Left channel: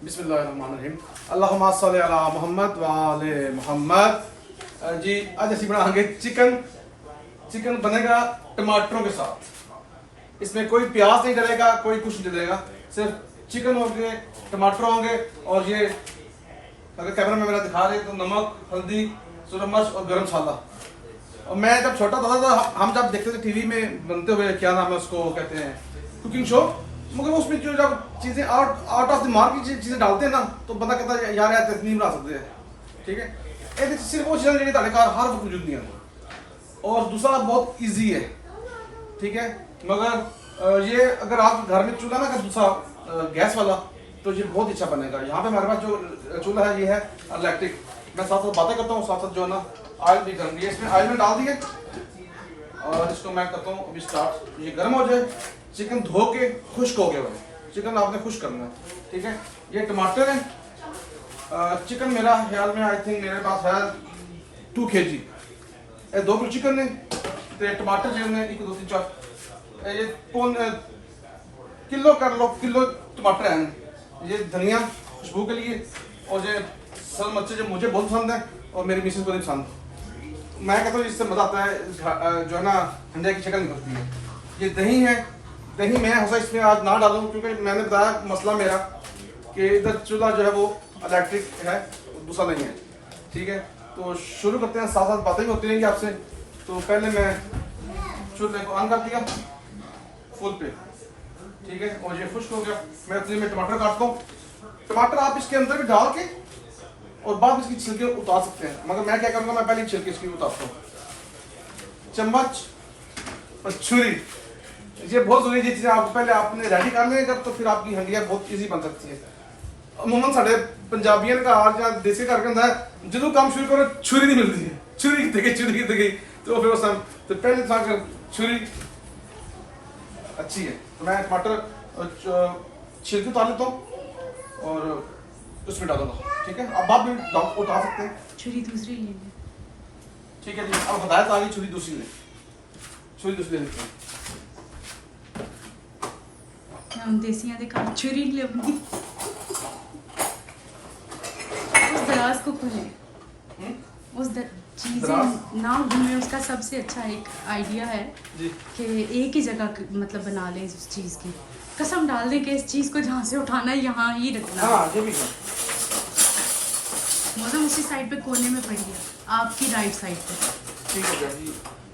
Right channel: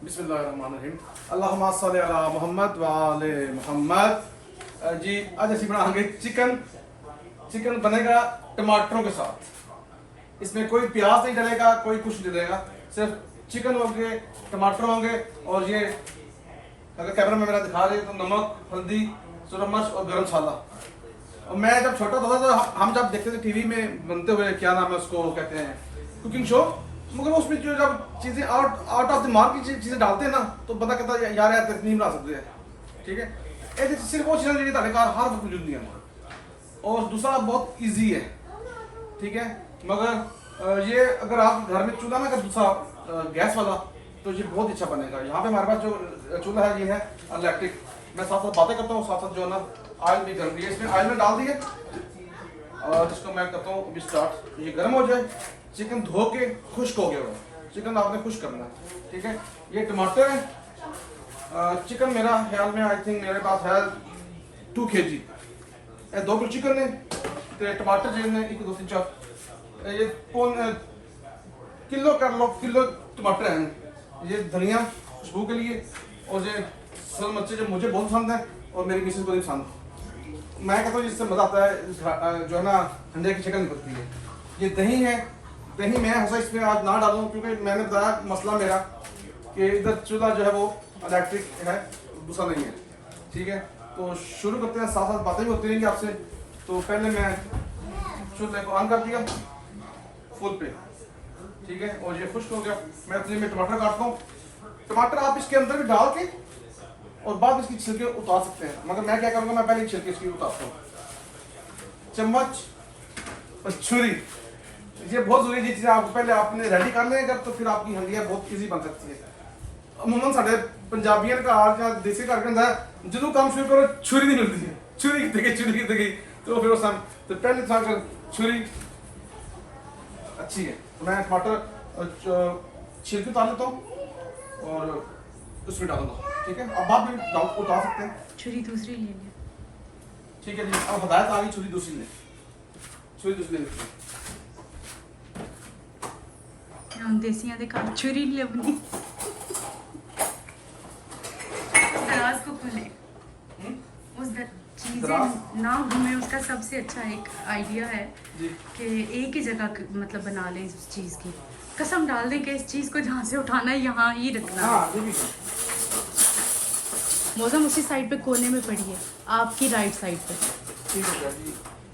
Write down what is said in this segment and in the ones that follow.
बिस्मिल्लाहिर्रहमानिर्रहीम। अल्लाहुम्मा सल्लि अला मोहम्मद व आले मोहम्मद। जी आज ਅਸੀਂ बनाएंगे चिकन बनेगा टमाटरों के साथ। इसमें कोई प्याज नहीं डलेगा, कोई कुछ नहीं डलेगा, सिर्फ चिकन होंगे, टमाटर होंगे और ये अगर कैमरा में मेरा दिखा रहे तो नमक, हल्दी, सूरज मिर्च और गरम मसाला। और मैं जब छोटा था तो हम जब देखते थे टीवी में बनते हुए, क्या नाम है उसको कहते हैं, कुकिंग शो, मगर उसमें जो जब चीज़ें आउट ऑफ द मार्क की चीज़ें डालते हैं ना तो बंदा कहता है यार यार नहीं बना सकते हैं। ठीक है, एक सिर्फ वो चीज़ें जी घर हर वक्त मौजूद नहीं है। और दूसरा बहुत ईजी है, ठीक है, मगर ये अगर आप घर में चूल्हा ना कर दूसरा गैस वाला तो ये बहुत अच्छा बनेगा। यहाँ पे हमारे पास जो चूल्हा है ये है इलेक्ट्रिक। मैं साथ साथ बातें करता हूँ, साथ साथ जो है ना ऑयल भी गर्म है, इसमें ऑयल में डाल दिए और इसको मैं करता हूँ अभी स्टार्ट। ये गर्म हो जाए, चिकन धो के खुश्क हो गया हुआ है, चिकन आपने खुश्क करना है। ठीक है, ये टमाटर है, चिकन मेरा ख्याल में आई थिंक मेरे पास है 2 kg। 2 किलो चिकन है तो टमाटर जो है 1 2 3 4 ये पौन किलो कर लो, किलो टमाटर हैं। ये धनिया खुशबू के लिए और ये सल मच्छी जो मुझे बहुत पसंद है और मेरी मिसेज को भी पसंद। मैं कहता हूँ इससे मज़ा आता है, जो है ना अंडे की शक्ल निकलती है। ये दही है, दही मैं हंसा इसमें आज ना डालूँ क्योंकि मैंने बताया मसला मेरा कि इधर चूल्हा जो है वो इलेक्ट्रिक है, दूसरा नहीं है। ठीक है, तो शुरू करते हैं, साथ साथ बातें भी होती रहेंगी आपसे। तो पहले मैं चूल्हे को ऑन कर दिया फुल पे, ठीक है, और ये खुश्क हो गया। मैं अपने में टमाटर काटता हूँ। टमाटर आप इसके अंदर भी डाल के और बाद में इसकी छिलके उतार सकते हैं, मगर मैं क्या करूँगा, मैं पहले छिलके इसकी उतारता हूँ। चम्मच और छुरी, ये बहुत जरूरी चीज़ है। आप पहले आपने रेडी कर लेंगे तो फिर आपकी हंडियाँ बहुत इजी बन सकती है। अमूमन साढ़े पंजाबियों का आज या देसी घर के अंदर जो काम शुरू करो छुरी नहीं मिलती है, छुरी कितने गई तो फिर उस तो पहले था कर छुरी अच्छी है। तो मैं टमाटर छिलके उतार लेता हूँ और उसमें डालूंगा। ठीक है, अब आप भी उतार सकते हैं। छुरी दूसरी ले लें। ठीक है जी, अब हदायत आ गई, छुरी दूसरी ले लेते हैं। देसियां दे घर छुरी नहीं लभनी। उस दराज को खोलें, उस चीज़ें ना घूमे, उसका सबसे अच्छा एक आइडिया है कि एक ही जगह मतलब बना लें उस चीज़ की। कसम डाल दें कि इस चीज़ को जहाँ से उठाना है यहाँ ही रखना। हाँ, ये भी मौसम उसी साइड पे कोने में पड़ी है, आपकी राइट साइड पे। ठीक है जी,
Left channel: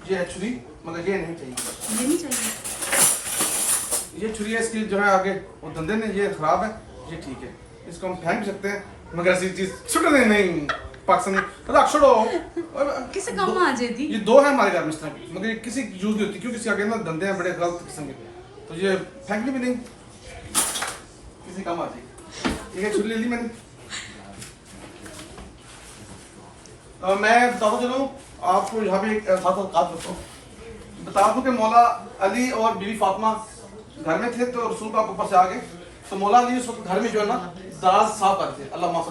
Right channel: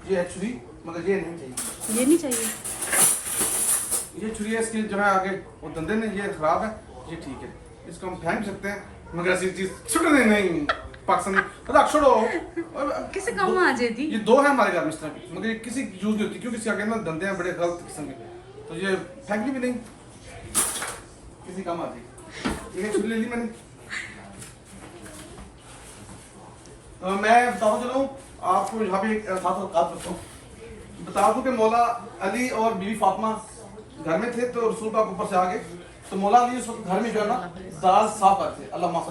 ये है छुरी, मगर ये नहीं चाहिए, ये नहीं चाहिए। ये छुरी है, इसकी जो है आगे वो दंदे ने ये खराब है, ये ठीक है, इसको हम फेंक भी सकते हैं, मगर ऐसी चीज छुटने नहीं पाकिस्तानी रख छोड़ो। किसी काम आ जाती। ये 2 है हमारे घर में इस तरह की, मगर ये किसी की यूज नहीं होती क्योंकि इसके आगे ना दंदे हैं बड़े गलत किस्म के, तो ये फेंकनी भी नहीं, किसी काम आती। ठीक है, छुरी ले ली मैंने। मैं बताता चलूँ आपको यहाँ पे एक साथ बता दूँ कि मौला अली और बीवी फातिमा घर में थे तो रसूल पाक ऊपर से आ गए। तो मौला अली उस वक्त घर में जो है ना दराज साफ करते थे, अल्लाह माफ़।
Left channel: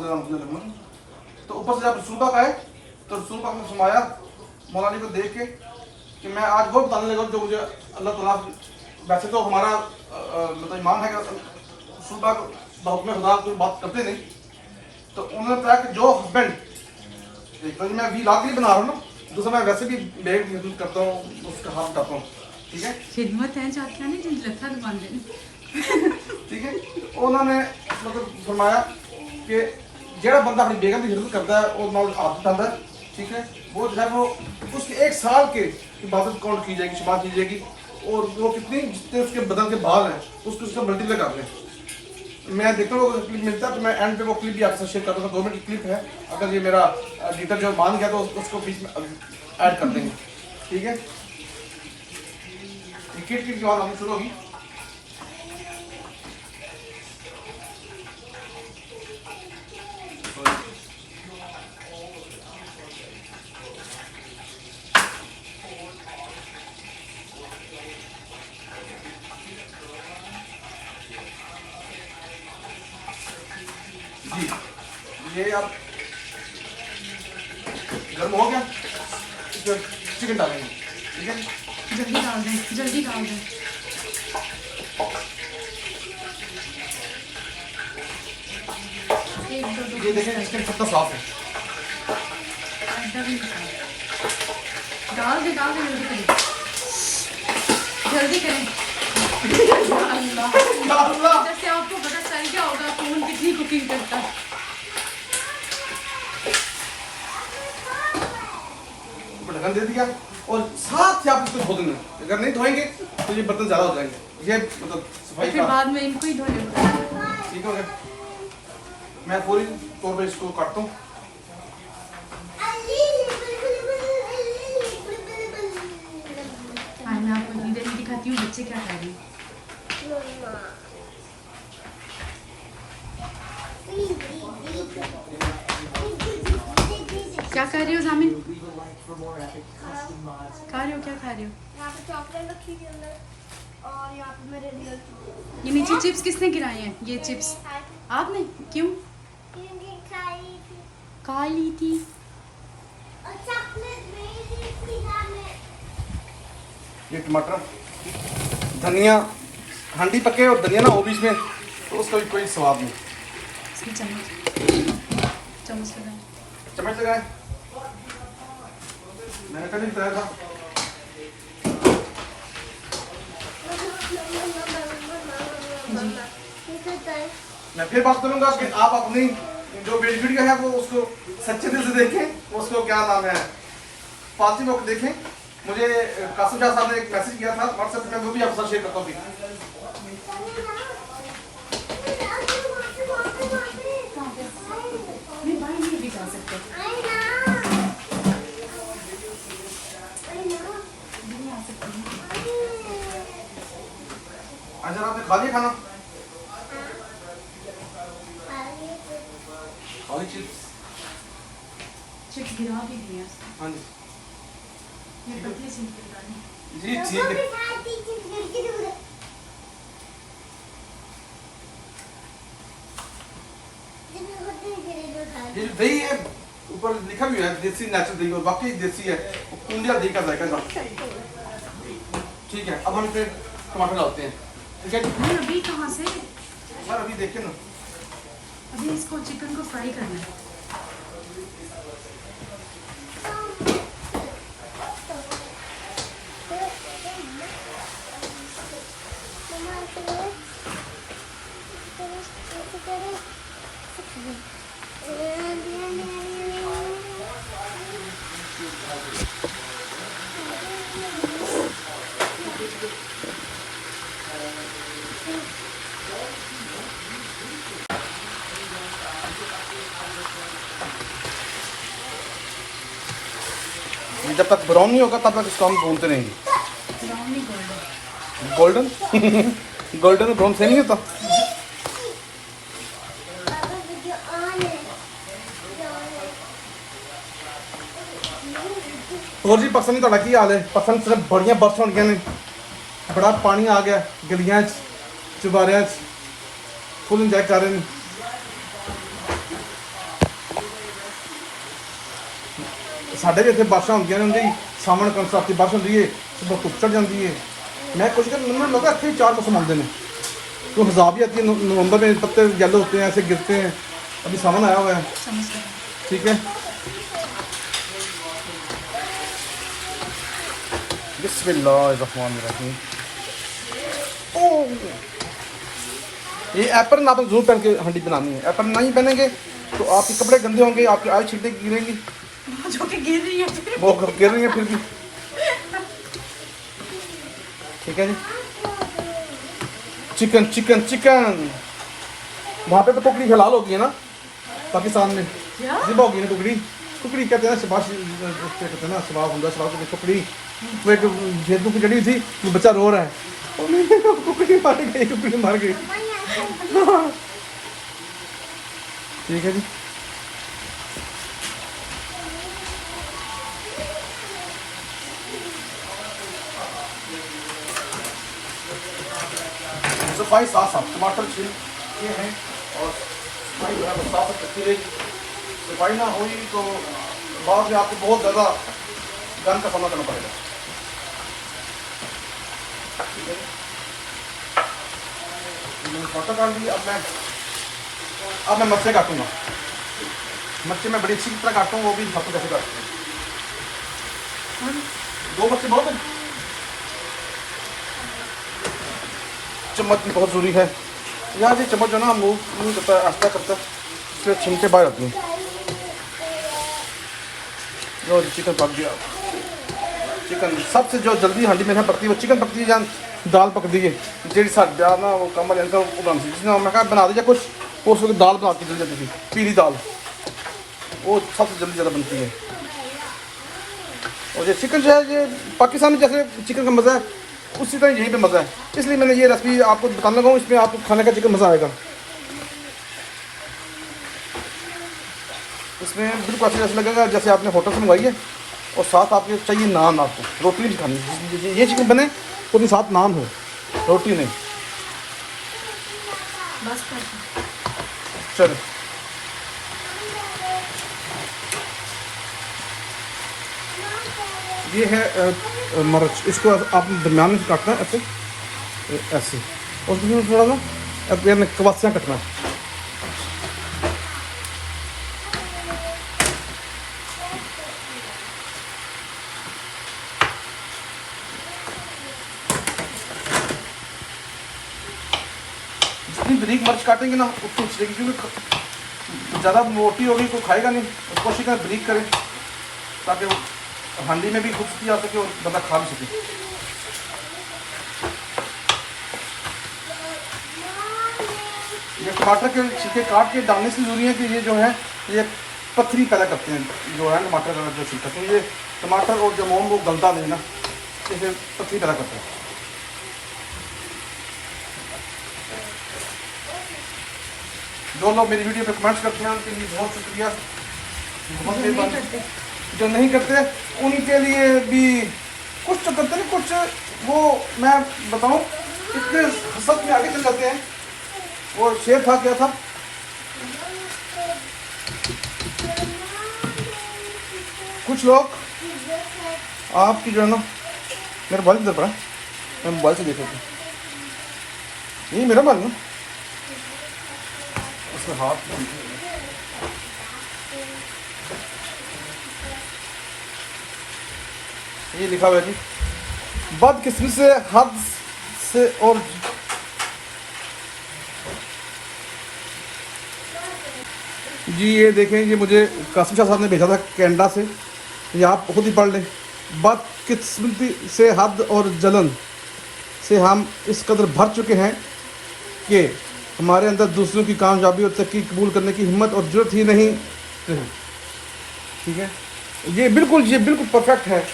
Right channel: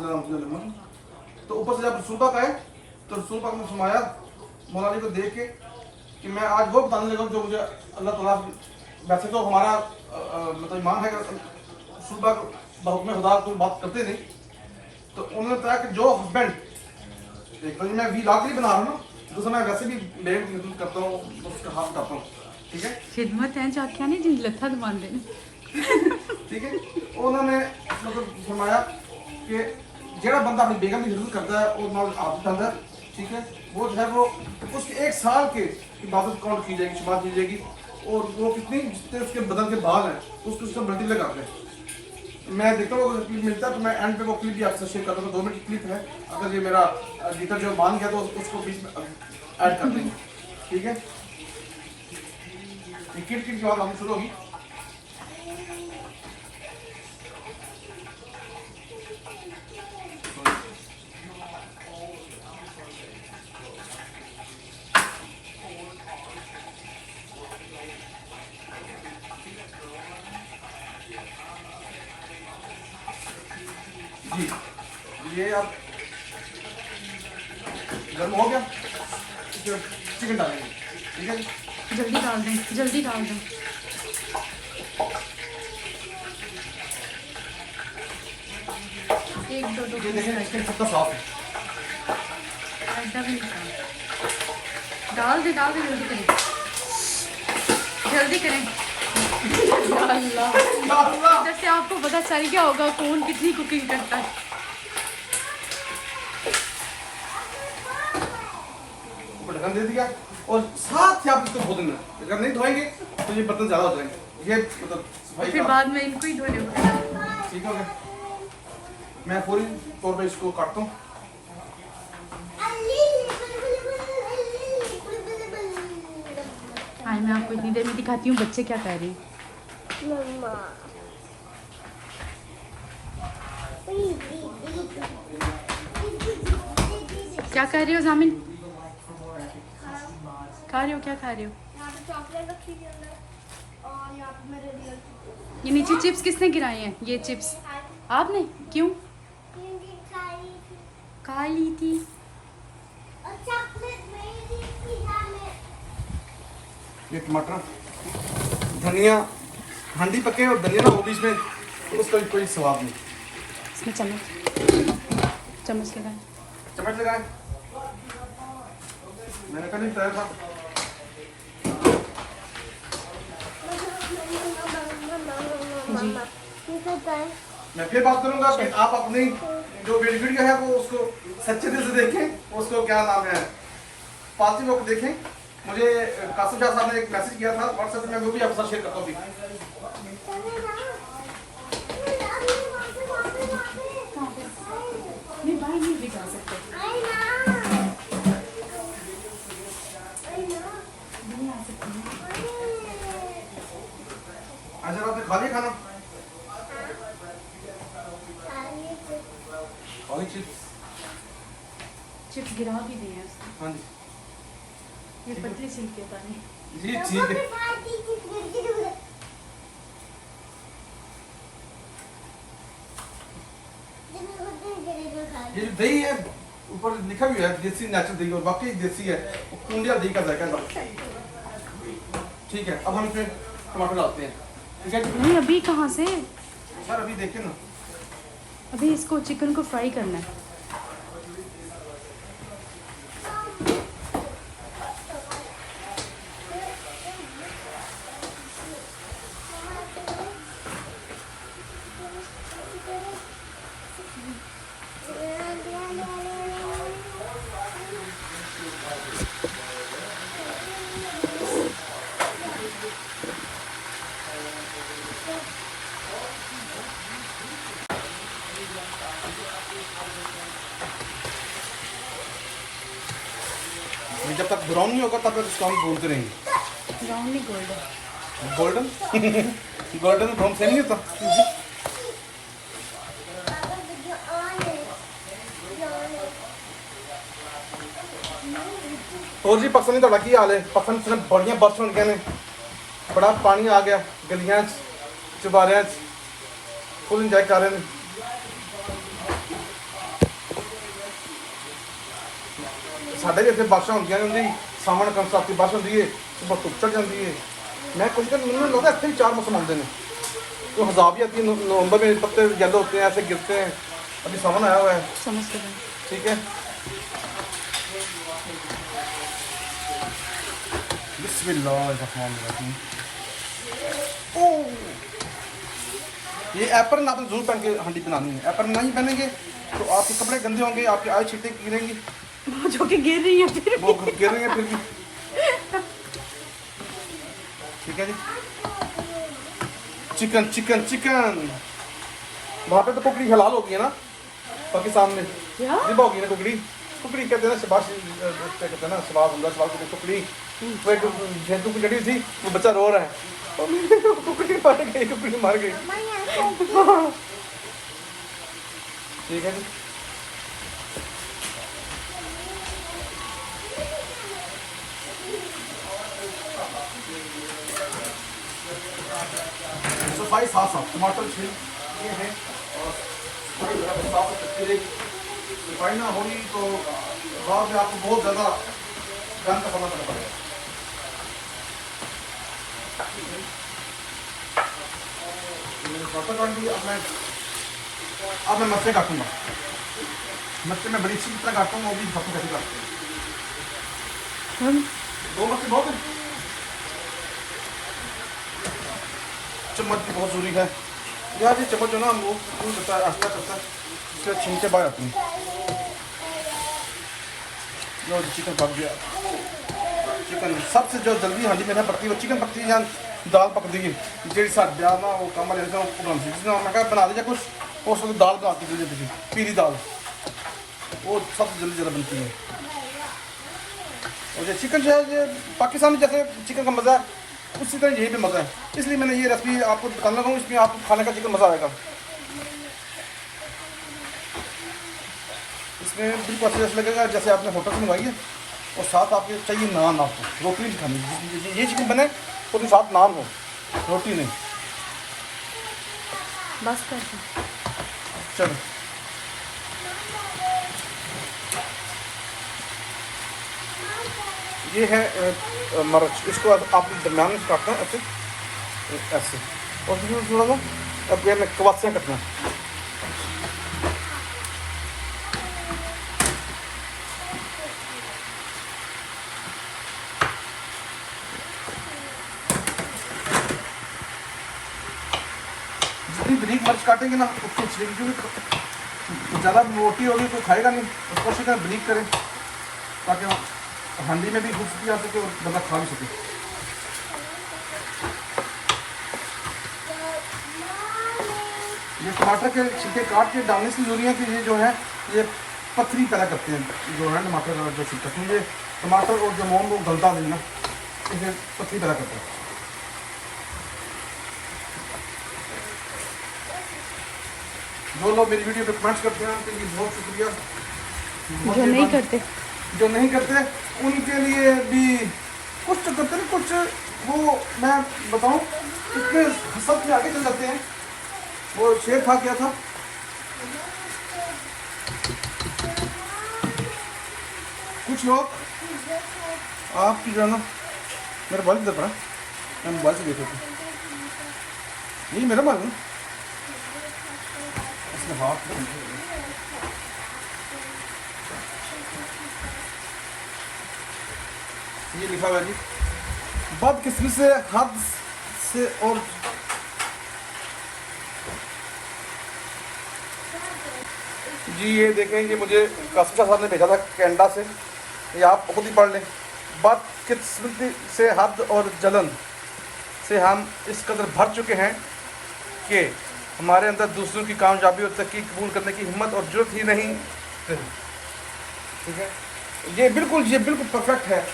तो ऊपर से जब रसूल पाक आए तो रसूल पाक ने फरमाया मौला अली को देख के कि मैं आज वो बताने लगा जो मुझे अल्लाह ताला, वैसे तो हमारा मतलब ईमान है कि रसूल पाक बहुक्म खुदा कोई बात करते नहीं। तो उन्होंने बताया कि जो हस्बैंड, एक तो मैं व्लॉग के लिए बना रहा हूँ ना, दूसरा मैं वैसे भी बेग यूज करता हूँ, उसका हाथ उठाता हूँ। ठीक है, खिदमत है चाहते हैं जी लथा दमान देने। ठीक है, उन्होंने मतलब फरमाया कि ਜਿਹੜਾ बंदा अपनी बेगम की खिदमत करता है और नाल हाथ उठाता है, ठीक है, वो जो है वो उसके 1 साल के इबादत काउंट की जाएगी, शुमार की जाएगी, और वो कितनी जितने उसके बदन के बाल हैं उसको उसका मल्टीप्लाई कर दें। मैं देखता हूँ अगर क्लिप मिलता है तो मैं एंड पे वो क्लिप भी आपसे शेयर करता हूँ। 2 मिनट की क्लिप है, अगर ये मेरा एडिटर जो मान गया तो उसको बीच में ऐड कर देंगे। ठीक है, क्लिप की आवाज़ आनी शुरू होगी। जी, ये अब गर्म हो गया, चिकन डालेंगे। ठीक है, जल्दी डाल दें, जल्दी डाल दें। एक दो दो ये देखें चिकन कितना साफ है। ऐसा भी नहीं था। डाल दे जल्दी करें या अल्लाह। इधर से आपको पता चल गया होगा कौन कितनी कुकिंग करता है। ढक्कन दे दिया और साथ ही आप इसको धो देना। अगर नहीं धोएंगे तो ये बर्तन ज़्यादा हो जाएंगे। ये मतलब सफाई फिर का बाद में इनको ही धोने होते। ठीक हो गया। मैं पूरी तौर पे इसको काटता हूँ। आज मैं आपको इतनी देर में दिखाती हूँ बच्चे क्या कर रहे हैं। क्या कर रहे हो जामिन? खा रहे हो? क्या खा रहे हो? यहाँ पे चॉकलेट रखी थी अंदर और यहाँ पे मेरे रियल ये नीचे चिप्स किसने गिराए हैं? ये चिप्स आपने? क्यों खा ली थी? ये टमाटर, धनिया, हंडी पके और धनिया ना हो बीच में तो उसका भी कोई स्वाद नहीं। इसमें चम्मच लगाए। चम्मच लगाए। मैंने कल ही बताया था। मैं फिर बात करूंगा कि आप अपनी जो वीडियो है वो उसको सच्चे दिल से देखें। उसको क्या नाम है, पॉजिटिव होकर देखें। मुझे कासिम शाह साहब ने एक मैसेज किया था व्हाट्सएप पे, मैं वो भी आपके साथ शेयर करता हूँ। अच्छा आपने खा लिया खाना? खाली चिप्स गिरा भी दिए। हाँ जी ये पतले छिलके वाली। जी ठीक है। ये दही है ऊपर लिखा भी है देसी नेचुरल दही और वाकई देसी है। कुंडिया दही का जायका था। ठीक है अब हम इसमें टमाटर डालते हैं। ठीक है नहीं अभी कहाँ से? सर अभी देखिए ना, अभी इसको चिकन को फ्राई करना है। जब तक ब्राउन नहीं होगा तब तक इसको हम भूनते रहेंगे। गोल्डन गोल्डन ब्राउन से नहीं होता। और जी पसंद तो की हाल है, पसंद सिर्फ बड़िया बस हो गए ने, बड़ा पानी आ गया गलियां चुबारियां फुल इंजॉय कर रहे हैं। साढ़े भी इतने बारिश होंगे ने सावन कंसरत की बारिश होती है, सुबह धुप चढ़ जाती है। मैं कुछ दिन मैंने लगा इतने 4 मौसम आते हैं। तो हज़ाब भी आती है, नवंबर में पत्ते येलो होते हैं, ऐसे गिरते हैं। अभी सावन आया हुआ है। ठीक है बिस्मिल्लाहिर्रहमानिर्रहीम। ये एप्पल आप जरूर पहन के हंडी बनानी है। एप्पल नहीं पहनेंगे तो आपके कपड़े गंदे होंगे, आपकी आई छींटे गिरेंगी जो कि गिर रही है वो गिर रही है फिर भी। ठीक है जी चिकन चिकन चिकन वहाँ पे तो कुकड़ी हलाल होगी है ना पाकिस्तान में, जिबा होगी ना कुकड़ी। कुकड़ी कहते हैं ना शबाश, क्या कहते हैं ना शबाब होगा शबाब होगी कुकड़ी। मैं गेंदू की जड़ी थी बच्चा रो रहा है कुकड़ी मार गई कुकड़ी मार गई। ठीक है जी सफाई साफ साफ टमाटर छिलके हैं और सफाई बराबर साफ करती रही। सफाई ना हुई तो बाद में आपको बहुत ज़्यादा गंद का सामना करना पड़ेगा। मैंने फोटो काट ली। अब मैं अब मैं मिर्चें काटूंगा। मिर्चें मैं बड़ी अच्छी तरह काटूँ, वो भी हाथों कैसे काटते हैं। 2 मिर्चें बहुत है। चम्मच भी बहुत ज़रूरी है यार, ये चम्मच जो ना मूव नहीं करता है, आस्ता करता है, इसलिए छिलके बाहर आती हैं। और चिकन पक गया। चिकन सबसे जो जल्दी हांडी में पकती है वो चिकन पकती है या दाल पकती है। जी साढ़े ना वो कम रहता है जिसने मैं कहा बना दीजिए कुछ, उस वक्त दाल बना के दीजिए थी, पीली दाल, वो सबसे जल्दी ज़्यादा बनती है। और ये चिकन जो है ये पाकिस्तान में जैसे चिकन का मज़ा है उसी तरह यहीं पे मज़ा है, इसलिए मैंने ये रेसिपी आपको बताने लगा हूँ, इसमें आपको खाने का चिकन मज़ा आएगा। इसमें बिल्कुल ऐसा लगेगा जैसे आपने होटल से मंगवाई है, और साथ आपके चाहिए नान, आपको रोटी नहीं खानी। ये चिकन बने तो भी साथ नान हो, रोटी नहीं। बस चलो ये है मिर्च, इसको आप दरम्यान में काटना ऐसे ऐसे, और उसमें थोड़ा सा अब ये कवासियाँ कटना। जितनी बारीक मिर्च काटेंगे ना उतनी अच्छी लगेगी, क्योंकि ज़्यादा मोटी होगी तो खाएगा नहीं, तो कोशिश करें बारीक करें ताकि वो हांडी में भी घुसती आ सके और बंदा खा भी सके। ये टमाटर के छिलके काट के डालने से जरूरी है कि ये जो है ये पथरी पैदा करते हैं, जो है टमाटर का जो छिलका, तो ये टमाटर और जो मोम वो गलता नहीं ना, इसे पथरी पैदा करता है। जो लोग मेरी वीडियो पे कमेंट्स करते हैं उनके लिए बहुत शुक्रिया। जो नहीं करते उनके लिए भी कुछ तो करते नहीं, कुछ वो मैं बताऊं इतने हसद में आगे चल जाते हैं। वो शेर था क्या था, कुछ लोग आपकी जो है ना, मेरा मोबाइल किधर पड़ा, मैं मोबाइल से देख रहा था, ये मेरा मोबाइल है, इसमें हाथ ये लिखा हुआ है जी, बदकिस्मती से हद से। और जी ये देखें, ये मुझे कासिम शाह साहब ने भेजा था कनाडा से, ये आप खुद ही पढ़ लें। बदकिस्मती से हद और जलन से हम इस कदर भर चुके हैं कि हमारे अंदर दूसरों की कामयाबी और तरक्की कबूल करने की हिम्मत और जरूरत ही नहीं। ठीक है, ये बिल्कुल परफेक्ट है।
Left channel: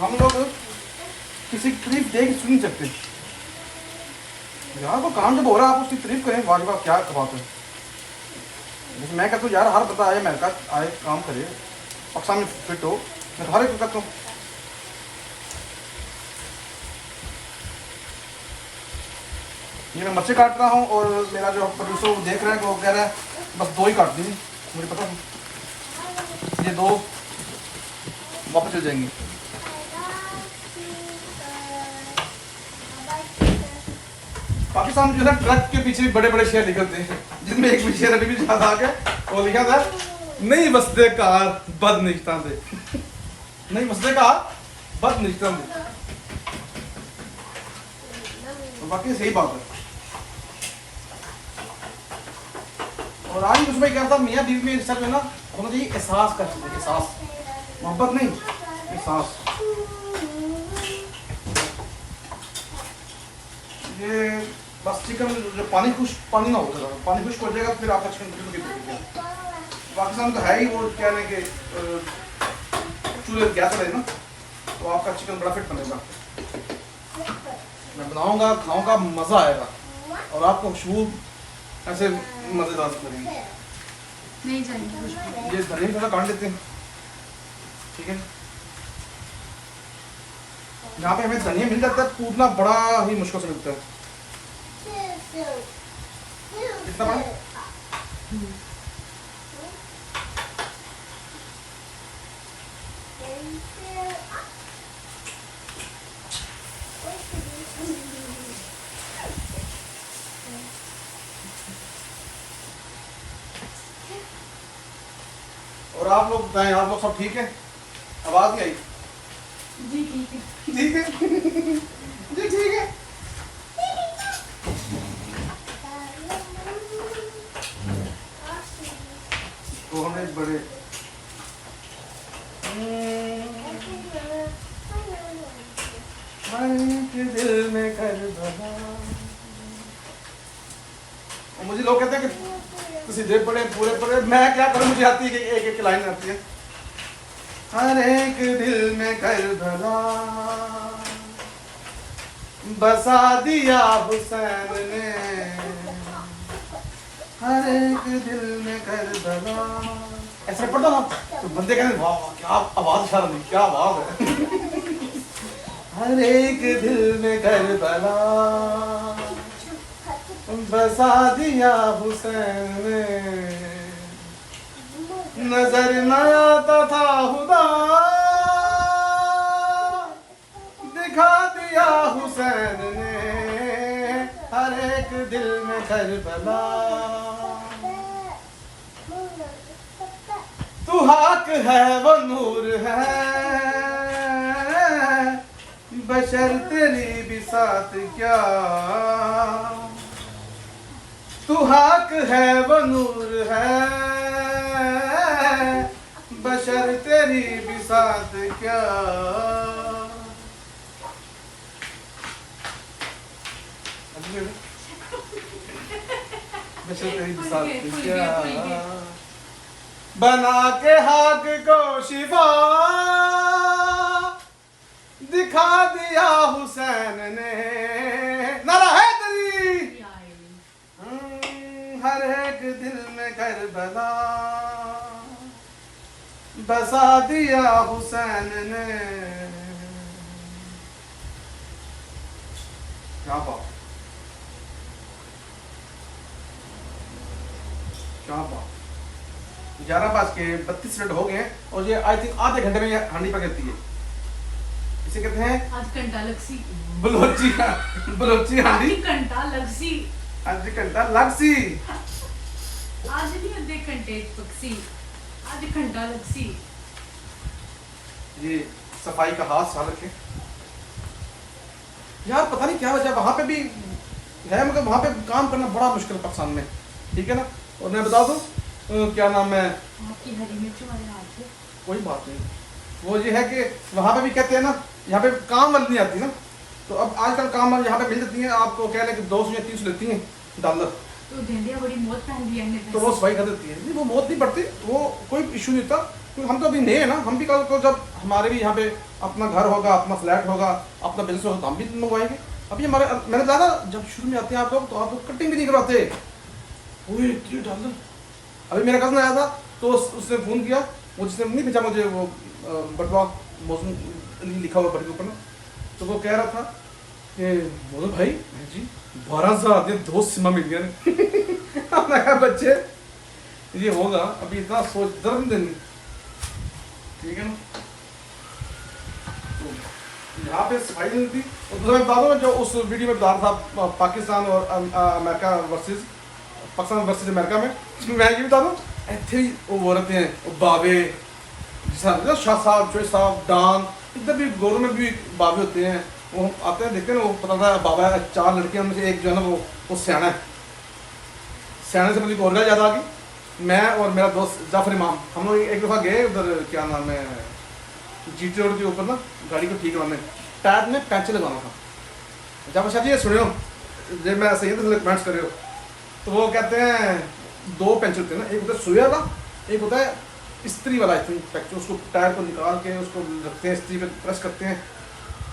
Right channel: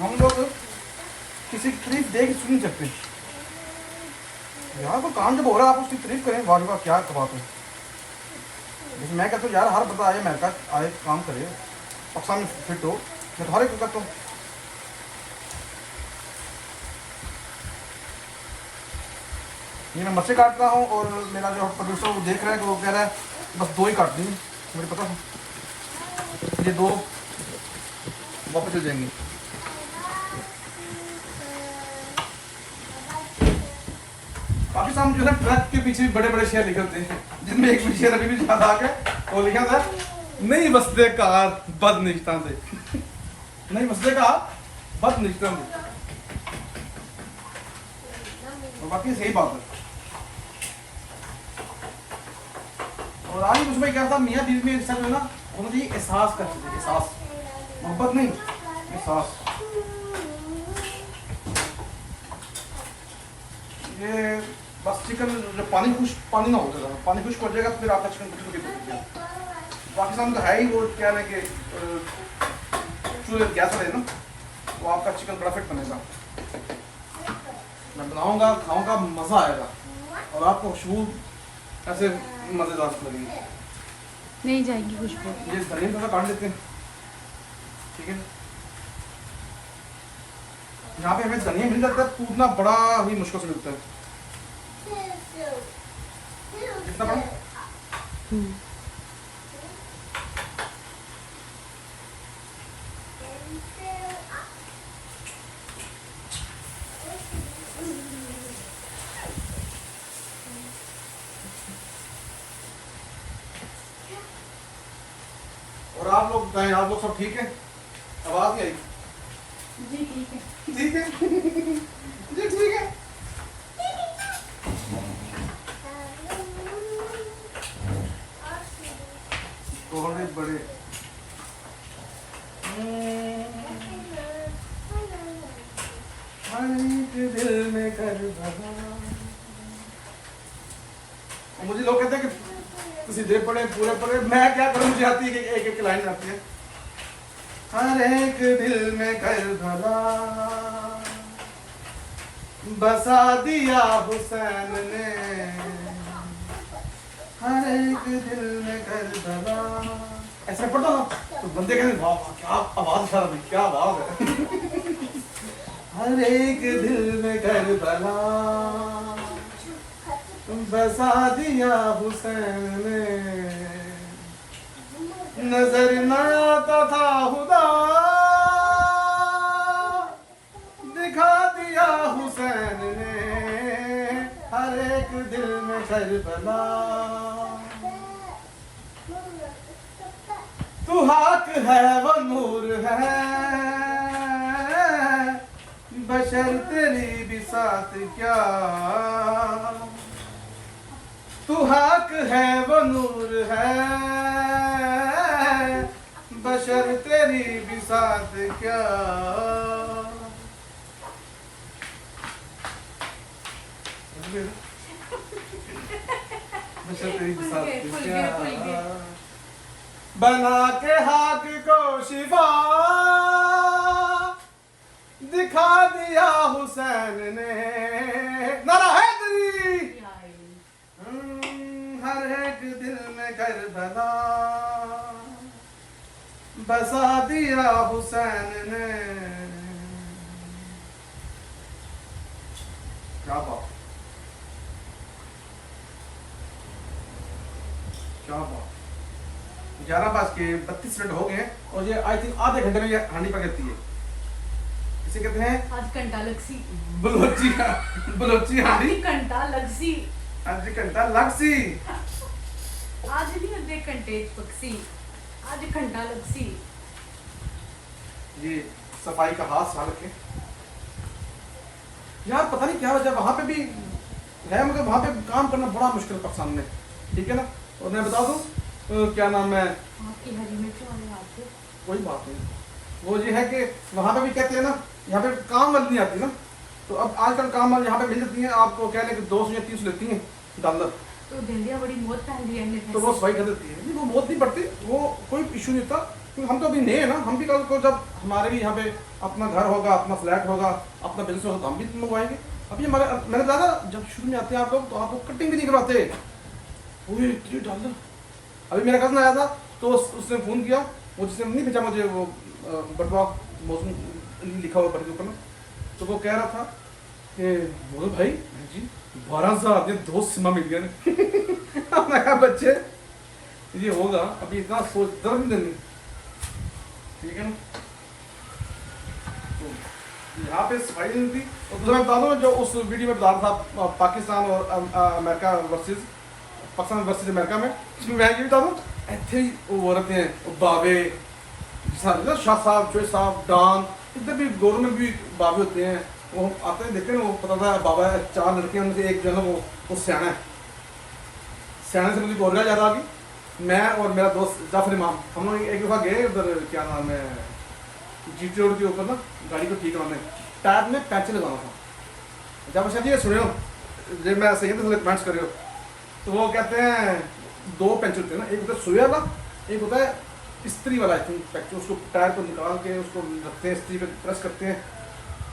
हम लोग किसी की तारीफ देख सुन नहीं सकते यार, को काम जब हो रहा है आप उसकी तारीफ करें, वाह वाह क्या बात है। जैसे मैं कहता हूँ यार हर बंदा आए अमेरिका आए काम करे, पाकिस्तान में फिट हो, मैं तो हर एक कहता हूँ। ये मैं मिर्चें काट रहा हूँ और मेरा जो प्रोड्यूसर वो देख रहा है कि वो कह रहा है बस 2 ही काट दी, मुझे पता था ये 2 वापस चल जाएंगे। पाकिस्तान जो है ट्रक के पीछे भी बड़े बड़े शेर निकलते हैं, जिनमें एक भी शेर अभी भी याद आ गया, वो लिखा था नहीं बसते कार बद निश्ता दे नहीं बसते कार बद निश्ता दे, और बाकी सही बात है। और आज कुछ भाई कहता मियाँ बीवी में रिश्ता जो है ना होना चाहिए एहसास कर सकते, एहसास, मोहब्बत नहीं, एहसास। ये बस चिकन जो पानी ना हो जाएगा, पानी खुश्क हो जाएगा तो फिर आपका चिकन बिल्कुल नहीं पकेगा। पाकिस्तान तो है ही वो क्या है कि चूल्हे गैस रहे ना, तो आपका चिकन बड़ा फिट बनेगा। मैं बनाऊंगा, खाऊंगा, मज़ा आएगा और आपको खुशबू ऐसे मज़ेदार लगेगी। नहीं जाएगी खुशबू। ये धनिया थोड़ा काट लेते हैं, ठीक है। यहाँ पे हमें धनिया मिल जाता है, कूटना बड़ा ही मुश्किल से मिलता है। कितना बड़ा? और आप लोग बताएं, आप लोग सब ठीक है? आवाज़ नहीं आई? जी ठीक है। ठीक है जी ठीक है। तो हमें बड़े दिल में कर भला। मुझे लोग कहते हैं कि सीधे पढ़े पूरे पढ़े, मैं क्या करूं, मुझे आती है कि एक एक लाइन आती है। हर एक दिल में कर भला बसा दिया हुसैन ने, हर एक दिल में कर भला। ऐसे पढ़ता ना तो बंदे कहते वाह वाह क्या आवाज इशारा दी, क्या आवाज है। हर एक दिल में कर भला बसा दिया हुसैन ने, नजर न आता था खुदा दिखा दिया हुसैन ने, हर एक दिल में करबला। तू हक है वो नूर है, बशर तेरी भी साथ क्या। तू हक है वो नूर है, बशर तेरी भी साथ क्या। बशर तेरी भी साथ क्या, बना के हाक को शिफा दिखा दिया हुसैन ने। नारा है तेरी, हर एक दिल में करबला बसा दिया हुसैन ने। क्या बात, क्या बात। 11:32 हो गए और ये आई थिंक आधे घंटे में ये हांडी पकड़ती है। इसे कहते हैं आज घंटा लगसी, बलोची, बलोची हांडी। घंटा लगसी, आज घंटा लगसी। आज नहीं आधे घंटे पक्सी, आज घंटा लगसी। जी सफाई का हाथ साल रखें यार, पता नहीं क्या वजह, वहां पे भी है मगर वहां पे काम करना बड़ा मुश्किल पाकिस्तान में, ठीक है ना। और मैं बता दूं क्या नाम है, आपकी हरी मिर्च वाला आपको कोई बात नहीं, वो ये है कि वहां पे भी कहते हैं ना, यहाँ पे काम वाली नहीं आती ना, तो अब आजकल काम वाली यहाँ पे मिल जाती है, आपको कह लें कि 200 या 300 लेती हैं डॉलर, तो भिंडियाँ बड़ी मौत पहन लिया है। तो वो सफाई कर देती है। नहीं वो बहुत नहीं पड़ती, वो कोई इशू नहीं होता, क्योंकि हम तो अभी नए हैं ना, हम भी कल को जब हमारे भी यहाँ पे अपना घर होगा, अपना फ्लैट होगा, अपना बिजनेस होगा, तो हम भी मंगवाएंगे। अभी हमारे मैंने कहा था जब शुरू में आते हैं आप लोग तो आपको कटिंग भी नहीं करवाते। $3 अभी मेरा कज़न आया था तो उसने फ़ोन किया, वो जिसने नहीं भेजा मुझे वो बटवा मौसम लिखा हुआ बट के ऊपर ना, तो वो कह रहा था कि बोलो भाई जी 12,000 दिए 2 सिमा मिल गया। हमने कहा बच्चे ये होगा, अभी इतना सोच दर्द नहीं देनी, ठीक है ना। तो यहाँ पे सफाई नहीं थी। और दूसरा मैं बता दूँ जो उस वीडियो में बता रहा था पाकिस्तान और America versus Pakistan versus America में, मैं ये बता दूँ ऐसे ही वो रहते हैं वो बाबे, शाह साहब, चोई साहब, डॉन, इधर भी गोरों में भी बाबे होते हैं, वो आते हैं देखते हैं ना, वो पता था बाबा 4 लड़कियां में से एक जो है ना वो सियाना है। सियाने से मुझे गोरगा याद आ गई। मैं और मेरा दोस्त जाफर इमाम हम लोग एक दफ़ा गए उधर, क्या नाम है, GT रोड के ऊपर ना गाड़ी को ठीक करवाने, टायर में पैंचर लगाना था। जब अच्छा जी ये सुनो जब मैं सही है तो कमेंट्स करो, तो वो कहते हैं 2 पैंचर होते हैं ना, एक होता है सुई वाला, एक होता है इस्त्री वाला। आई थिंक पैंचर उसको टायर को निकाल के उसको रखते हैं, इस्त्री पे प्रेस करते हैं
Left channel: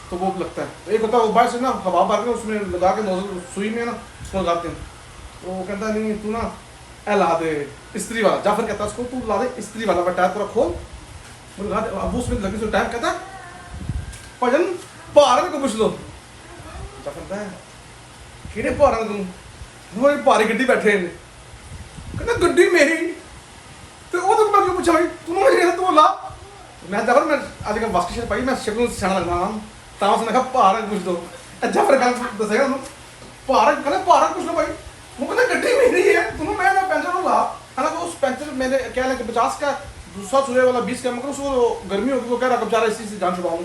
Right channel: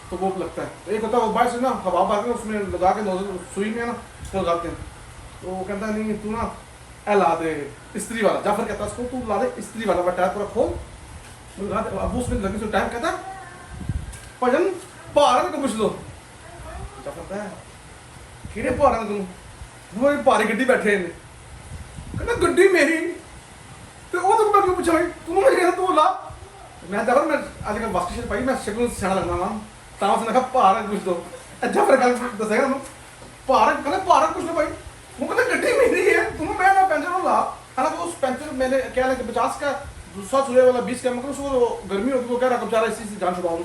तो वो लगता है। तो एक होता है वो बाहर से ना हवा भर के उसमें लगा के नोजल सुई में ना उसको लगाते हैं। तो वो कहता है नहीं तू ना ला दे इस्त्री वाला। जाफर कहता है उसको तू ला दे इस्त्री वाला, मैं टायर पूरा खोल मुझे लगा दे। अब वो उसमें लगे टाइम कहता है भजन भार को पूछ लो। जाफर कहता है किहड़े भार तू, वो भारी गड्डी बैठे ने, कहता गड्डी मेरी तो वो तो मैं क्यों पूछा भाई तू मुझे तू ला। मैं जाफर मैं अजकल वास्की शर्ट पाई, मैं शक्ल सियाना लगना ना ਤਾਂ ਉਸਨੇ ਕਿਹਾ ਭਾਰਤ ਪੁੱਛ ਦੋ। ਅੱਛਾ ਫਿਰ ਗੱਲ ਦੱਸੇਗਾ ਉਹਨੂੰ ਭਾਰਤ ਕਹਿੰਦਾ ਭਾਰਤ ਪੁੱਛ ਲਓ ਭਾਈ। वो कहता गड्डी मेरी है तुम्हें मैं पैंचर ला। हालांकि उस पैंचर मैंने क्या लगे 50 का दूसरा चूल्हे वाला 20 का मतलब उसको गर्मी होगी, वो कह रहा कब जा रहा इसी से जान छुड़ाऊँ।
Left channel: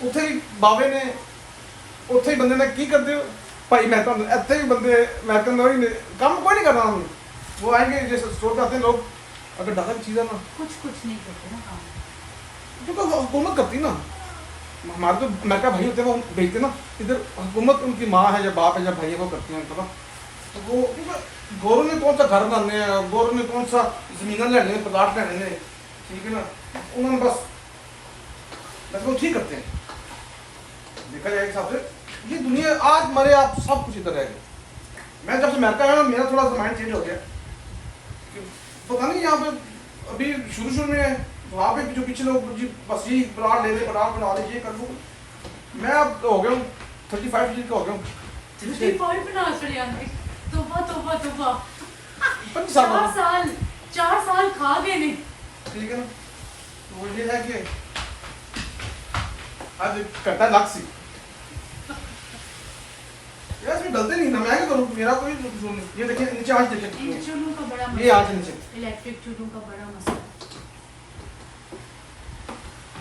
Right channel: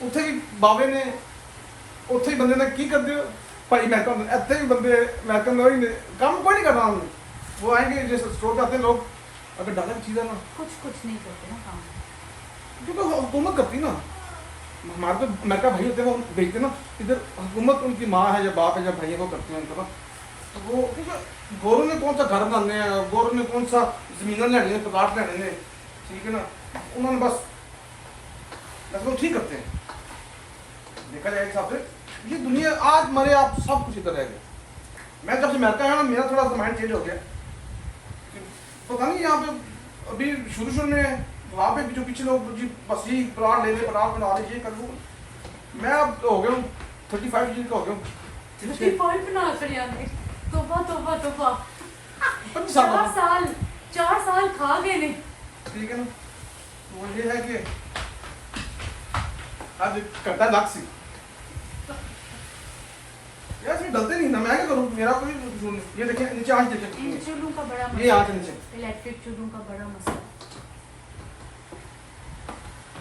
ਉੱਥੇ ਹੀ ਬਾਵੇ ਨੇ ਉੱਥੇ ਹੀ ਬੰਦੇ ਨੇ ਕੀ ਕਰਦੇ ਹੋ ਭਾਈ मैं तो ਇੱਥੇ ही बंदे मैं तो वही काम कोई नहीं करना हमने, वो आएंगे जैसे स्टोर पे आते हैं लोग, अगर डाला की चीज़ है ना कुछ नहीं करते ना काम। क्योंकि हुकूमत करती ना, हमारे तो अमेरिका भाई होते हैं वो भेजते ना इधर, हुकूमत उनकी माँ है या बाप है या भाई है वो करते हैं उनको ना, तो वो गौरों ने कौन सा घर बनाने हैं, गौरों ने कौन सा जमीन लेने हैं, प्लाट लेने हैं, ठीक है ना, उन्होंने बस वो ठीक करते हैं। देखा जाए हिसाब से ये दुनिया आज मरे आप सब कुछ इधर रह गए। मैं जब से अमेरिका आया ना मेरा थोड़ा सा माइंड चेंज हो गया, पता नहीं यहाँ पे अभी शुरू में वहाँ पे जो पीछे लोग जी बस यही प्लाट ले ले, प्लाट बना ले, ये कर लो, मैं अब हो गया हूँ 35 ईयर का हो गया हूँ। 25 साल 4 साल खा गए नहीं। ठीक है ना, वो ये है कि आज करता है लाक्सी यार, इसमें डलते नहीं ना, मैं क्या करूँ, मेरा कोई कसूर नहीं। ये देखिए नीचे आंच देखिए, इन चूल्हों का बड़ा ये आंच नीचे इलेक्ट्रिक चूल्हों का बड़ा मसला।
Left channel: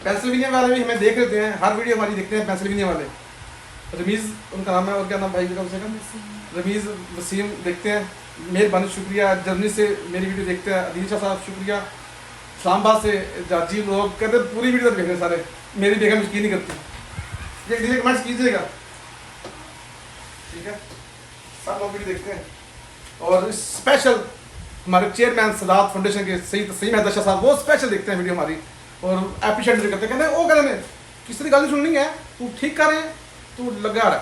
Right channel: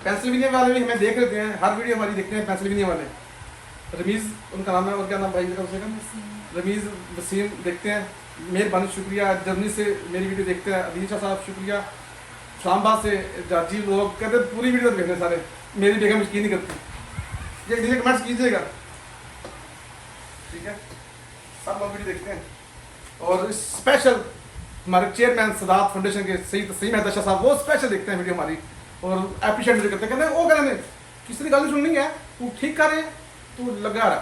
पेंसिल्वेनिया वाले भी हमें देख लेते हैं, हर वीडियो हमारी देखते हैं पेंसिल्वेनिया वाले, रमीज़ उनका नाम है, और क्या नाम भाई कम से कम, रमीज़ वसीम देखते हैं, मेहरबानी शुक्रिया। जर्मनी से मेरी वीडियो देखते हैं अदील शाह साहब शुक्रिया। इस्लामाबाद से जाजी लोग कहते हैं पूरी वीडियो देखने सारे, मेरी बेगम यकीन नहीं करती, ये डिलीट कमेंट्स कीजिएगा, ठीक है, सब लोग वीडियो देखते हैं। और स्पेशल हमारे चेयरमैन सदात फाउंडेशन के सही मेहता शाह साहब, वो स्पेशल देखते हैं वीडियो हमारी और एप्रिशिएट भी करते हैं, कहते हैं वो कहते हैं किसी की गल नहीं सुननी है, तू ठीक कर रहे हैं, तू लगा रहा,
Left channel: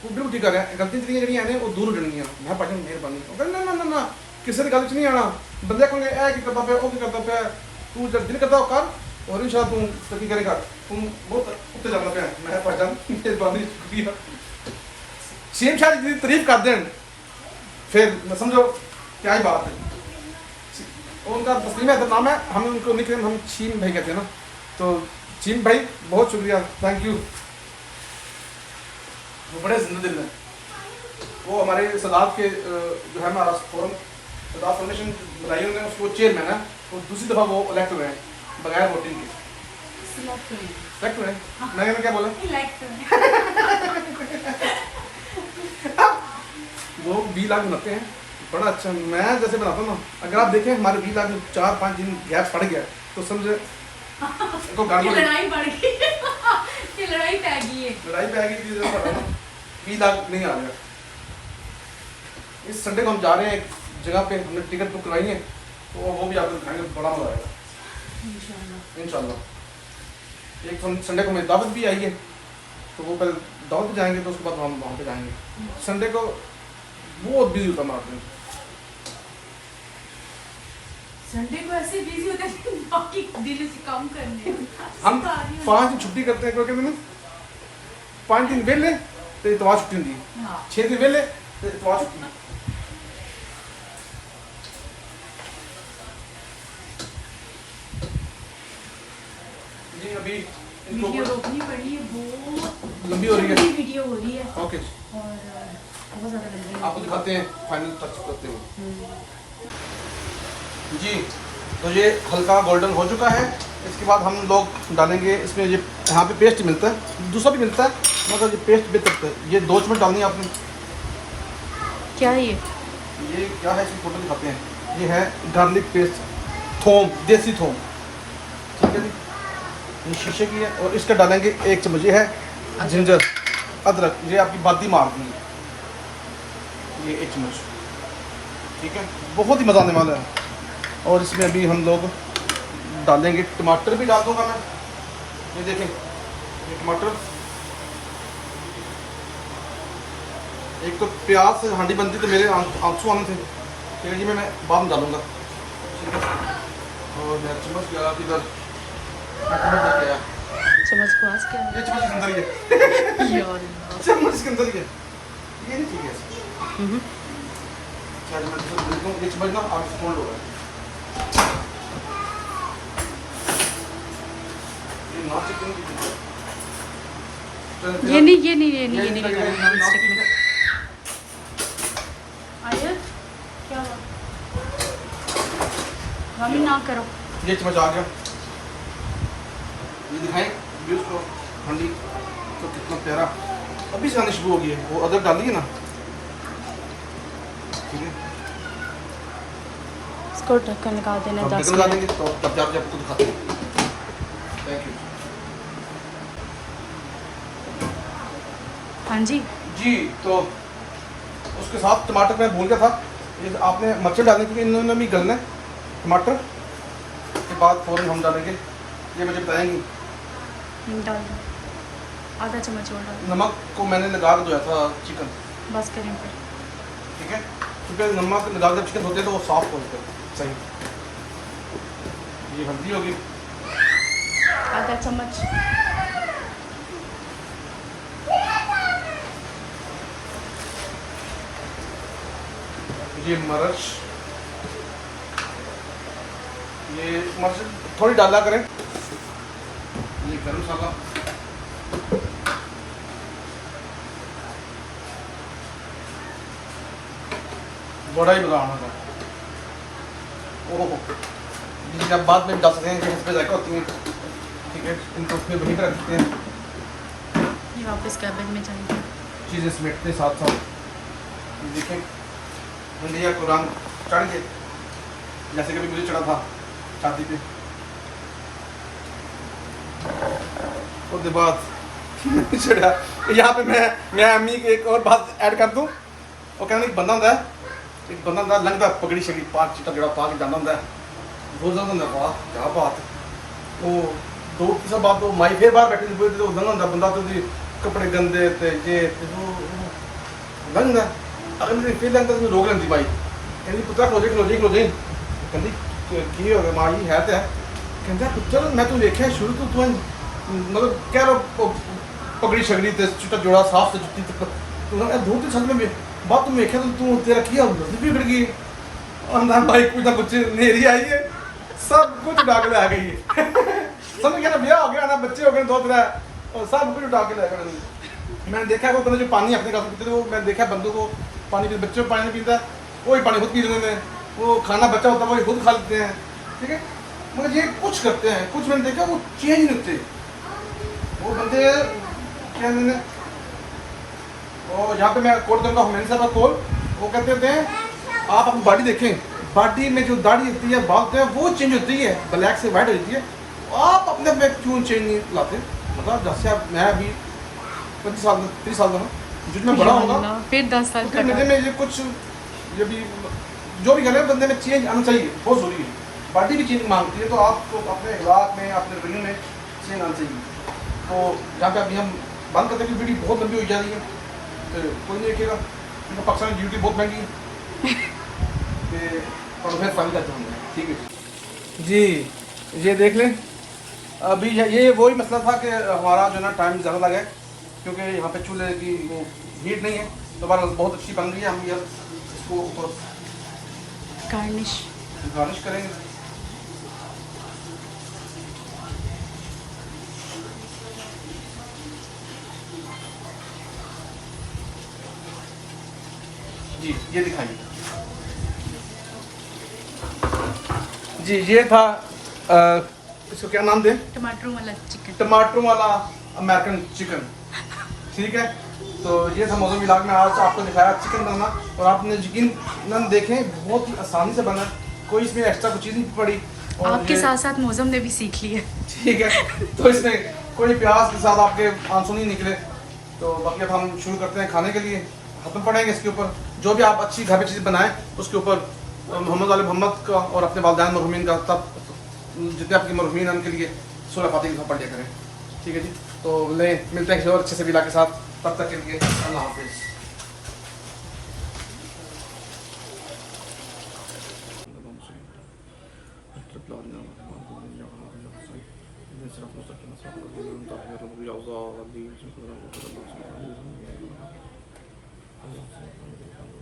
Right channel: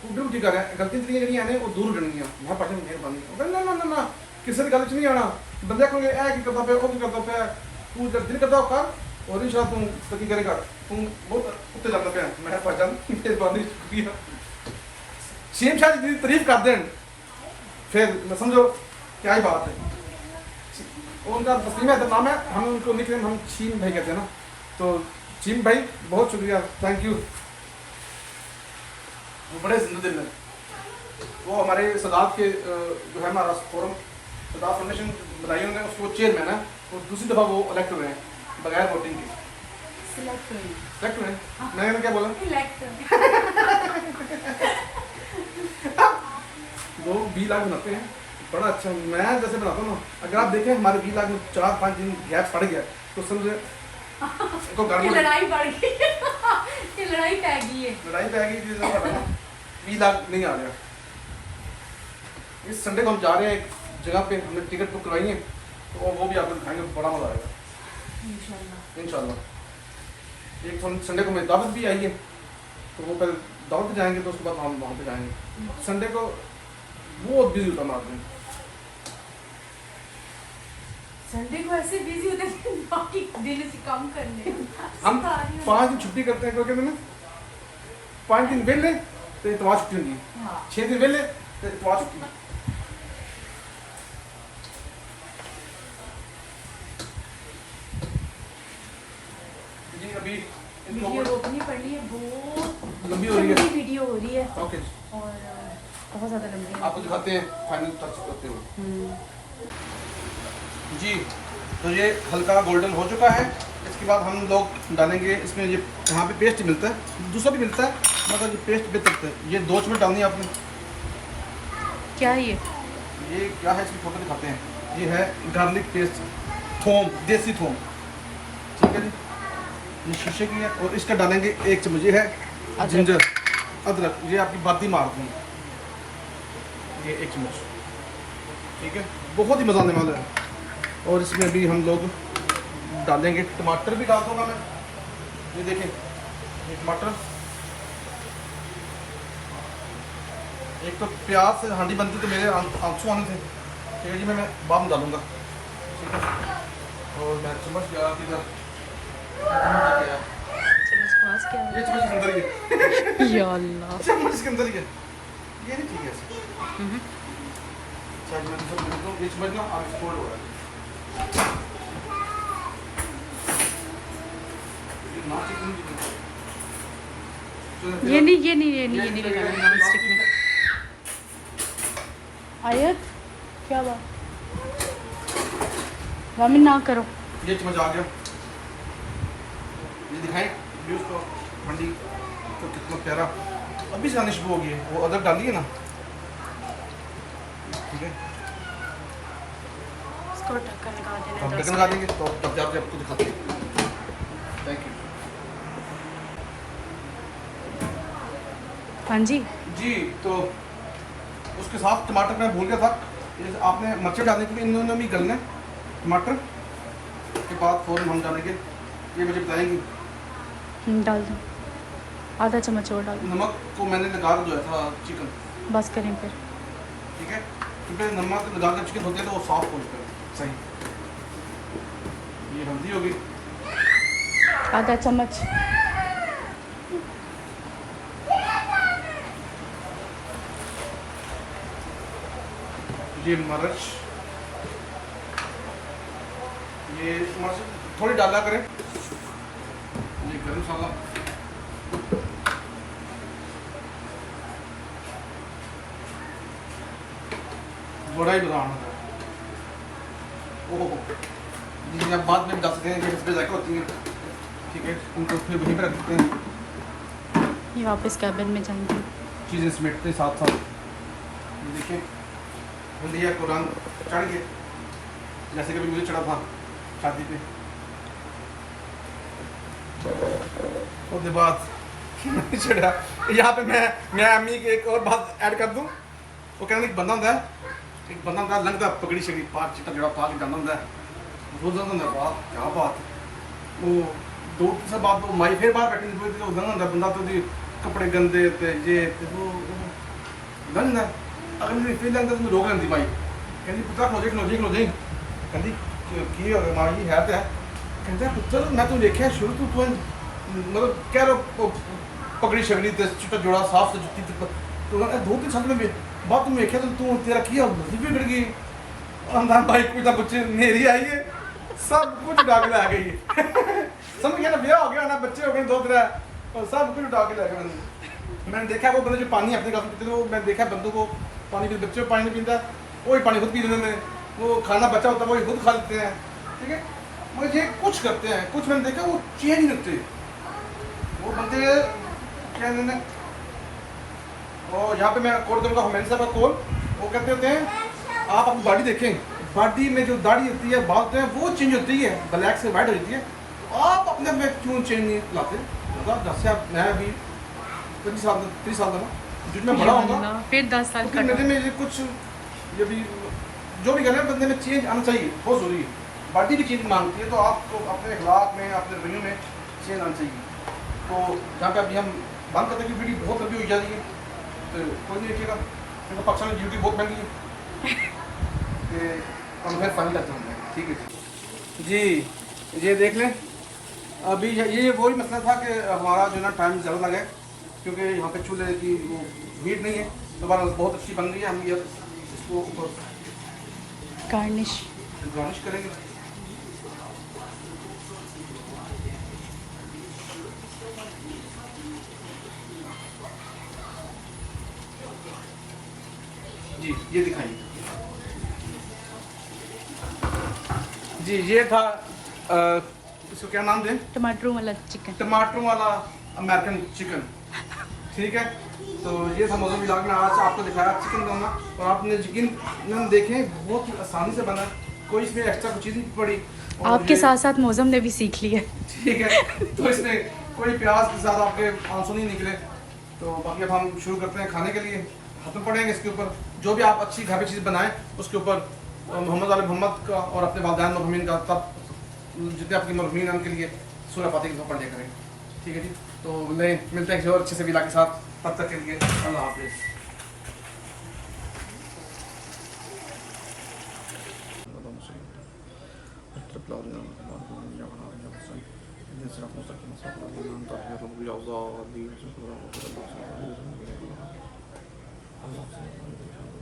तू बिल्कुल ठीक कर रहा है, गलतियां तेरियां ਜਿਹੜੀਆਂ ਨੇ ਉਹ दूर हो जाएंगी। मैं पाचन मेहरबानी, ਉਹ ਕਹਿੰਦੇ ना ना ना किसी की गल 'ਚ नहीं आना, बंदे को ए की करता पे, ओ की करता पे, तू जब दिल करता हो कर, और इंशाल्लाह तू तरक्की करेगा, तू बहुत उत्ते जाना पे। मैं पाचन मेहरबानी शुक्रिया। शीम शाह जी तारीफ कर दें फिर मैं समझो क्या ही बात है। उनका तस्लीम है नाम है, हम उनको निकनेम हम शीम भाई कहते हैं ना, तो शीम भाई बहुत शुक्रिया, थैंक यू। वो बड़े जिंदा दिल हैं, वो हमारे सदात के जो है हमारा फोरम सदात फाउंडेशन बनाई उन्होंने, उसको चेयरमैन है, वो दूसरी दफ़ा वो इलेक्ट हुए हैं बगैर वोटिंग के, सिलेक्ट हुए हैं। मैंने क्या बोला, लोग 20 लाख बनाते हैं, बड़ा अच्छा। मैं जैसे बनाता हूँ ना, अगर आप देखें हमारे 20 लाख में 4-5 दिन गैप पड़ गया तो समझे को गड़बड़, लड़ाई बढ़ गई, लड़ाई पै गई है, लड़ाई पै गई थी, 20 लाख नहीं आ गया। इस संडे को हम जा रहे हैं एक जगह पे, हमने टिकट बुक करवाई है, तो वो भी आपको दिखाएंगे, बड़ा मजा आएगा इंशाल्लाह। एक तो संडे को मेरी दावत भी आई है, तो वो पहले दावत पे जाएंगे, तो उसके बाद हम वहाँ पे जाएंगे। संडे को बहुत बिजी होता हमारा दिन, संडे को ऐसे बिजी होते हैं बाकी दिन से कम करने। हम 5 दिन छुट्टी करते हैं, क्योंकि 5 दिन वेले तो इतवार छुट्टी होती है, हाँ। 6 दिन वेले तो इतवार छुट्टी। जी अभी इनको वीडियो रोकनी पड़ी है, बहुत लंबी हो रही है, वीडियो हो रही है ओके, और बहुत ज़्यादा लंबी है। आपको दिखाते हैं फाइनल टच करते हुए। जी तो ये हल्का गोल्डन हो चुका है, इसके बाद हम लोग डालेंगे इसमें, ये यहाँ पे पेस्ट मिलता है, दूसरा भी मिलता है, मगर ये पेस्ट बेहतर है। ये 2 चम्मच डालनी है आपने। क्या है ये क्या है, इसकी फोटो दिखाते हैं, ये है गार्लिक पेस्ट, थोम, देसी थोम, ठीक है जी, ये शीशे की है। और इसका डालेंगे 1 चम्मच, ये है जिंजर अदरक, ये आपकी बादी मार देंगे, ये 1 चम्मच, ठीक है, बहुत ही मज़ा आने वाला है। और इसमें अभी हम लोग डालेंगे टमाटर, भी डाल दूंगा मैं, ये देखें, ये टमाटर, एक तो प्याज से हांडी बनती तो मेरे आंसू आने थे, फिर जी मैं बाद में डालूंगा, ठीक है। और मैं चम्मच गया इधर, चम्मच को आज क्या है? ये चम्मच के अंदर ही है, या अल्लाह, चम्मच के अंदर ही है, ये नहीं ठीक है। ये चम्मच ना आगे से फोल्ड हो रहा है, ये नहीं लगाना नॉन स्टिक में। आयत क्या बात, रामी ना करो। ये चम्मच आ गया, ये दिखाएं व्यूज को। हांडी तो कितना प्यारा अभी से आनी शुरू हो गई है। वो अदरक डाली है ना, ठीक है, इसको ढक्कन लगा देना तो 10 ढक्कन लगा मिनट। देंगे तो तब जब आपको दिखाते हैं। थैंक यू हाँ जी। जी। तो उसके साथ टमाटर मैं भून गया था, ये आपने मच्छर डालने के लिए इन्होंने भी गलना है। टमाटर के बाद फ़ौरन हम डालेंगे, ये मुझे बताएंगी। डाल दो, आधा चम्मच और डाल दो। नमक को मैंने लगा के धोया था चिकन, बस करें फिर। ठीक है, क्योंकि नमक लगा कर चिकन धोते हैं तो वो सॉफ्ट हो जाता है। सही, ये हल्दी होगी, आधा चम्मच। ये मिर्च, ये मिर्च थोड़ी डाला करें। ये गरम मसाला, बड़ा ही मजा आना था। ओहो, ये आप बाद में डाल सकते हैं, इस पर जायका होती हैं, ठीक है, उनको फिर वहीं पर रखते हैं, ये वापस कैबिन में जाएंगे। चीज़ें समेटते साथ साथ। देखें इंडिया को रंग चढ़ के, जैसे कभी मुझे चढ़ा था शादी पे। और बाद चढ़ा यहाँ पे मैं अम्मी की एक और बात ऐड कर दूँ। वो कहने एक बंदा होता है, एक बंदा होता है लंगदा पगड़ी शगड़ी पाँच चिट्टा जड़ा पा के जाना होता है, वो जंग बात क्या बात। वो 2 साल बाद वो माई फिर बाहर बैठी हुई तो लंग होता बंदा, तो कपड़े गंदे थे ये वो लंग अगर मैंने फिर लंग तो रोक लेती भाई, कहती पुत्रा खलो जाई कहती की हो गया माँ जी है तो है। कहता पुत्र मैं तू देखा शुरू तो तू मतलब कह लो पगड़ी शगड़ी ते चिट्टा जोड़ा साफ से जुत्ती तो 2-3 साल में बाद तुम देखा तो तू तेरा किया नजर भी बिगड़ गई। अंदर भाई कुछ ना कुछ नेरी आई है, सब कुछ उठा के ले आ गई है। समझ गया ना, ब्याह हो गया ना, बच्चे हो गए 2-3 और सब कुछ उठा के ले गए। मैंने देखा वो बंदे जो पानी अपने घर पीते थे, वो मैंने देखा बंदों को पानी पीते, बच्चों को पानी नहीं पीता, वही पानी खुद पी लेते हैं। वो खाना बच्चा होता है वही खुद खा लेते हैं, ठीक है। मगर ये कुछ करते हैं, कुछ मैंने देखा वो चेंज नहीं होते वो बंदे क्या मैंने। और यहाँ पे मैं कोट करूँगा हुमैन साहब का कॉल, वो कहते थे आप अपनी बॉडी देखें, बॉडी में जो दाढ़ी होती है बाल होते हैं वो चेंज होती है, ब्लैक से वाइट हो जाती है, आप अपने में क्यों चेंज नहीं लाते। मतलब जैसे आप मैं अभी 30 साल का जितना बड़ा होगा फिर 10 साल तो मेरे में ये कुछ ये भी जो भी करें बंदे में चेंज आना चाहिए, बहुत ज़रूरी है। बॉडी भी चेंज मांगती है, तो आपको अपने अखलाक में अपने रवैये में चेंज आना चाहिए। तो जहाँ पे अभी हम बंद करते हैं कि वीडियो बहुत लंबी हो जा रही है, तो कोई नहीं देखिएगा, क्योंकि पाकिस्तान में ड्यूटी बहुत महंगी है। तो फिर फाइनल करते हैं, ठीक है जी। ये देख लें, अभी ये वही मसला था कि हमारा जो है ना टाइम ज़्यादा लगा है, क्योंकि यहाँ पे चूल्हे की वो हीट नहीं है। तो बहरहाल बहुत अच्छी बन गई है, हम ये इसको गार्निश करेंगे। जी ये दिखाइए जी। ये था इसको क्या नाम दें, टमाटर वाला चिकन, टमाटर वाला अमेरिकन चिकन, ठीक है। तो ये था मौजूद व्लॉग में आज आपको दिखाया चिकन बनाना, और आपने यकीन देखें बहुत ही आसानी से बना, कोई इसमें एक्स्ट्रा कुछ चीज़ नहीं पड़ी। आपके साथ साथ मौसम ने भी सीख लिया, ठीक है। तो इसमें कोई प्याज के साथ आपके आंसू नहीं निकले। तो बाकी अब हम शुरू करते हैं खाने के लिए, खत्म पड़ेंगे इसके ऊपर जो भी आप अच्छी घर की चीज़ बनाएं उसके ऊपर मोहम्मद वाले मोहम्मद का और अपने वालिदैन मरहूमीन का, तब जितने आपकी मरहूमीन हैं उनके लिए सूरह फातिहा पढ़ लिया करें, ठीक है जी। तो मिलते हैं किसी और अच्छे से व्लॉग के साथ, तब तक के लिए अल्लाह हाफिज़। Allah